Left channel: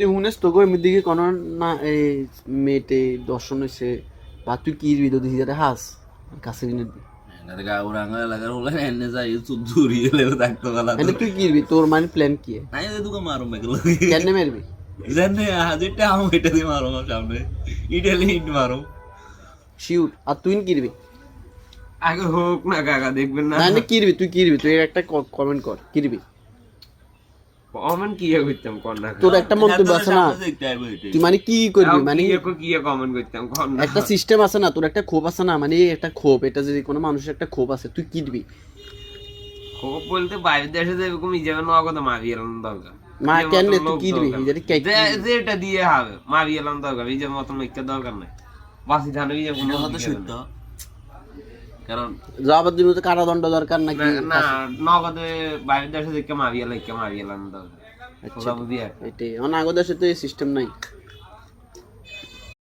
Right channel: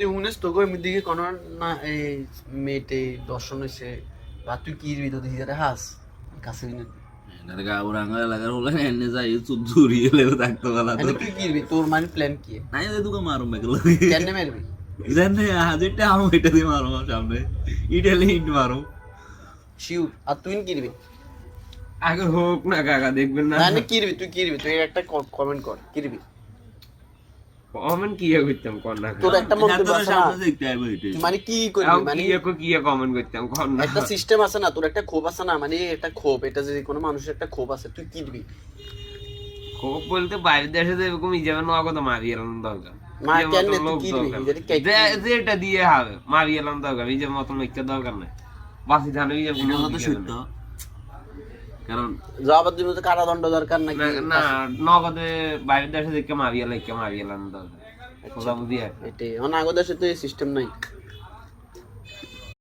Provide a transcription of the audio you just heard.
হুনেস তোকে এমনিদিকে কোনো না এই মেয়েতে দর্শন হয়েছে বা তুই কি দিবি তো দিদি হাস কাছে কিনে দিবি এনে গাউরাঙ্গা লাগার বলে এনে যাই চুদ্দুরি লেগে থাকতো গলা এনে তুই কি দিবি তোর মানে প্ল্যান কি নাই ওই দুটো মারো মেগুলো কেন মারবি জানে হাজিরটা আমি এটা দিয়ে মারো সামনে ইটালি ইট মারো শিওর আর তুই কি দিবি আগে হোক না কাকা দেখবেন না না কি দিবি তুই একটা কমেন্ট কর কি দিবি কমেন্ট কি করতাম কোন না তোর একটা মন্তব্য আছে না তুই মানে কি করবি মানে কি কমেন্ট করতাম কোন না একটা সিস্টেম আছে না তোর একটা ক্ষোভ আছে না মানে একটা ক্ষোভ এটা যদি কোনো মানুষের একটা ক্ষোভ আছে তুই কি দিবি খুব বলতে বাইরে দেশে যে এরকম ইজাবে নগদ মারি এলাম দরকার মানে কেন তুই কি দিবি যদি যেটা দিয়ে হবে মারি এলাম দরকার ইজার মতন লিখতে দরকার নাই বাসি ধান ইজার কোনো তো শুদ্ধ কারণ জবাব দিবি তো কারাদণ্ড দরকার নাকি না নগদে বাইরে দেশে দেখে মারি এলাম দরকার ওটা বুঝি এটাই অনাগত দেশে তো এই সিস্টেম নাই